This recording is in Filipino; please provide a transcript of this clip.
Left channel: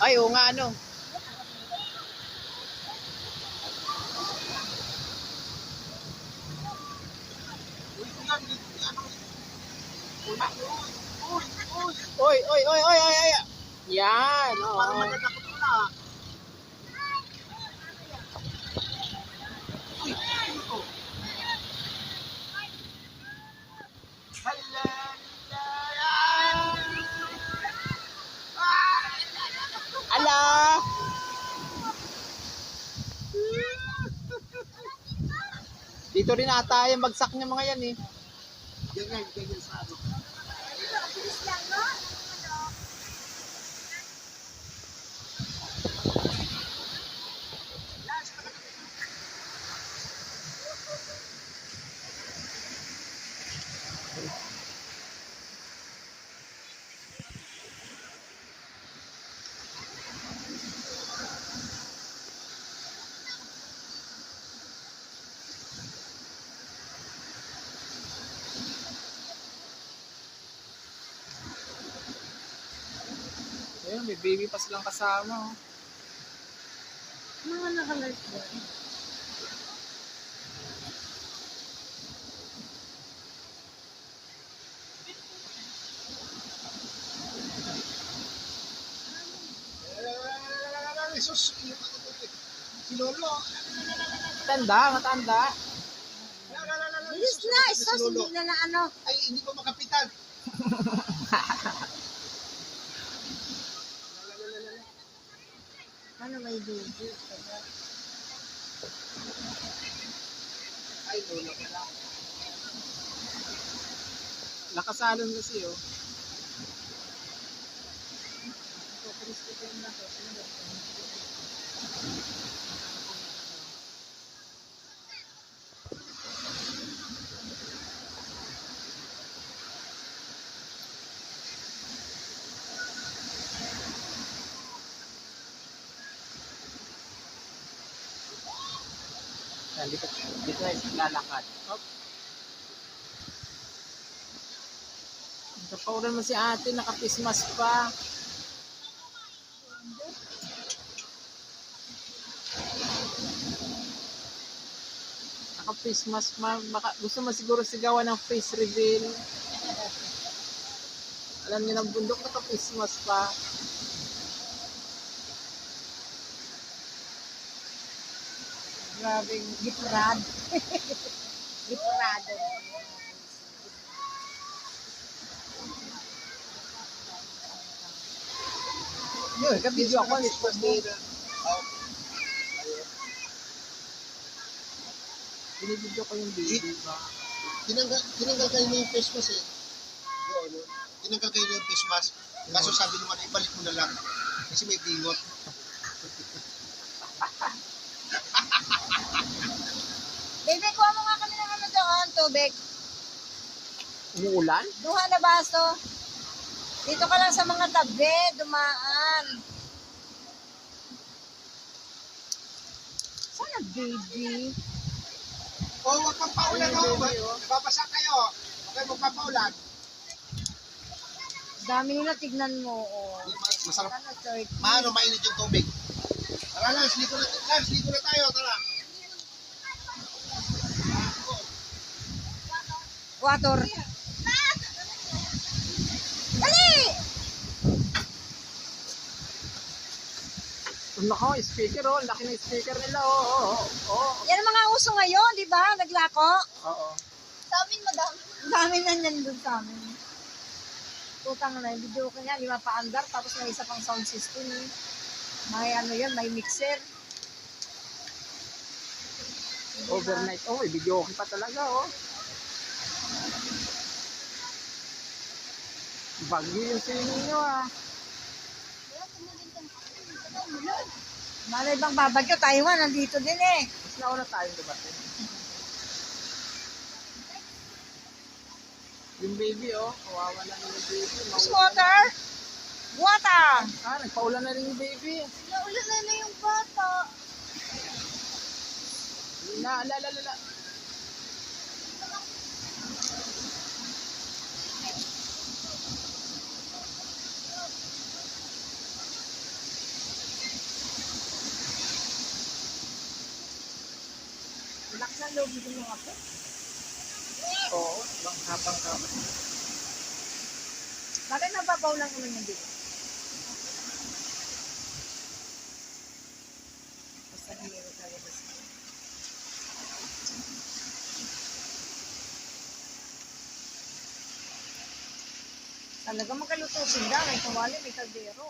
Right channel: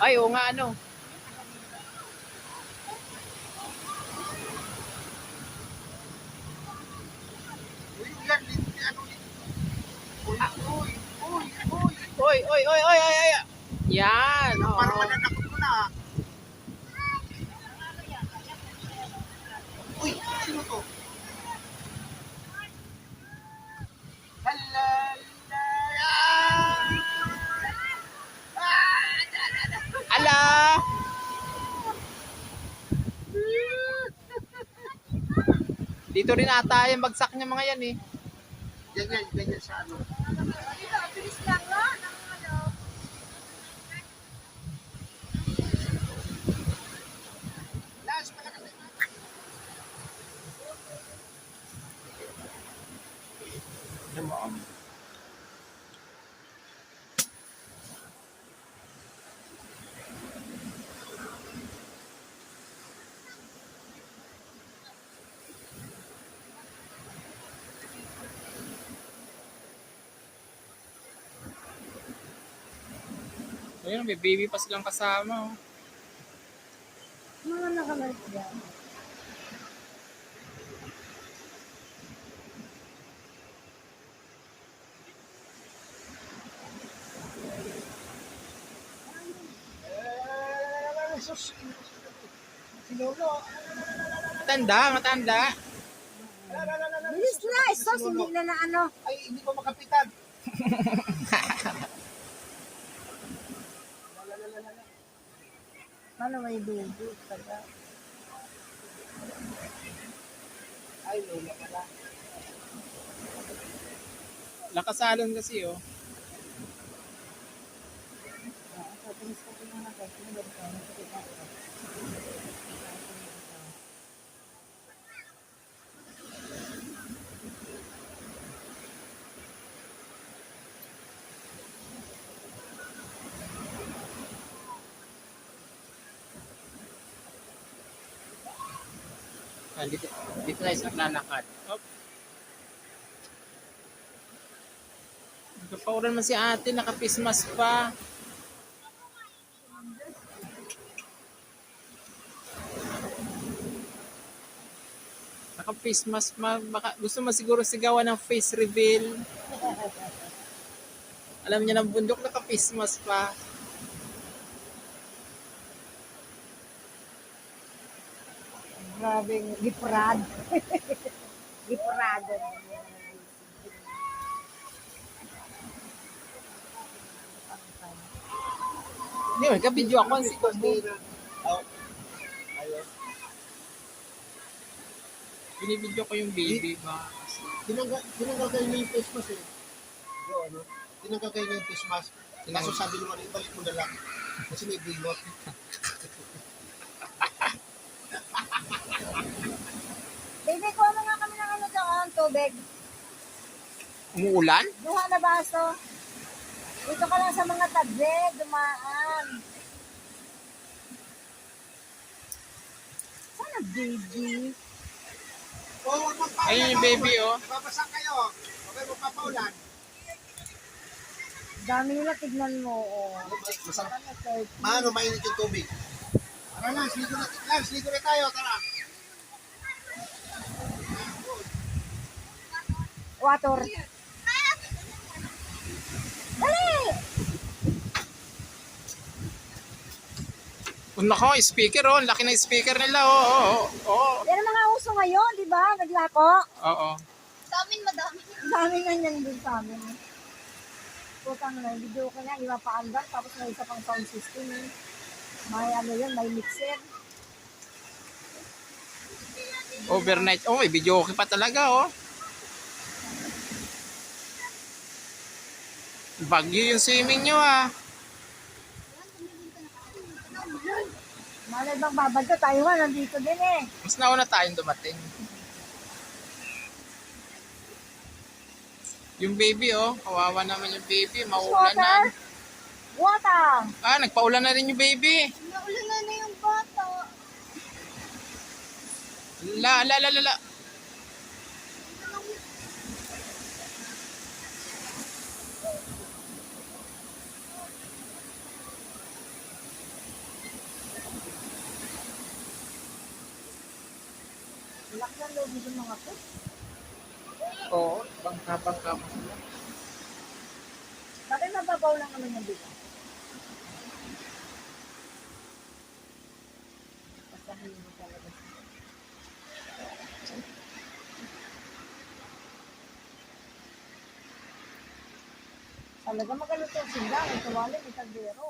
Ay, oo nga, ano. Ah. Oy, oy, oy, oy, oy, oy. Yan, oo. Parang mananakot mo na. Uy, sino to? Ala! Dito rin ata yung bagsak niya mga yan eh. Ganyan sa ano. Bilis lang, no? Ng ano. Ayun, may baby pa silang kasama. Oh. Mga nakalark yan. Sus, si Lolo. Matanda, matanda. Bilis na, sos, hindi na ano. Ay, hindi pa makapitan. Paano may baby? Ay, Lolo pala. Nakasalon kasi oh. Bilis ko yung mga sos. Dito na isang lalakad. Hop. Nagpapaulan man si ate, nakapismas pa. Naka-face baka gusto mo siguro sigawan ng face reveal. Alam niya ng bundok, naka-face mask pa. Grabing giprad. Giprado. Yun, ka-video ako si Kubo. Binibidyo ko yung baby ba? Tinanggal kayo na yung face mask eh. Yung ano, tinanggal kayo na yung face mask. Kaso sabi naman, ibalik mo na lang. Kasi may bingot. Baby, kuha mo nga kami ng ano doon, tubig. Umuulan? Duha na baso. Dito ka lang sa mga tabi, dumaan. Sana baby? Oh, huwag magpaulan. Ayun yung baby, oh. Nababasa kayo. Huwag kayo magpapaulan. Dami nila, tignan mo. Oh. Masarap. Ano, 30? Maano, mainit yung tubig. Tara Lance, ligo na tayo, tara. Water. Dali! Nako, speaker oh. Laki na speaker nila oh. Oh. Yan ang mga uso ngayon, di ba? Naglako. Oo. Sa amin, madami. Dami na yan doon sa amin. Putang na, video ko niya, 5 pa andar, tapos may isa pang sound system. May ano yun, may mixer. Overnight. Oh, may video okay pa talaga oh. Bagyo yung swimming nyo ah. Malay bang babagyo, tayo nga, nandito din eh. Mas nauna tayong dumating. Yung baby oh. Kawawa naman yung baby. Mauulan Water? na. Water! Ah, nagpaulan na rin yung baby. Naulan na yung bata. La. ang loob ng mga pet. Oo, bangka-bangka pa sila. Bakit nababaw lang naman yung dito? Basta hindi mo talaga siya. Talaga makaluto sila. May kawali, may kaldero.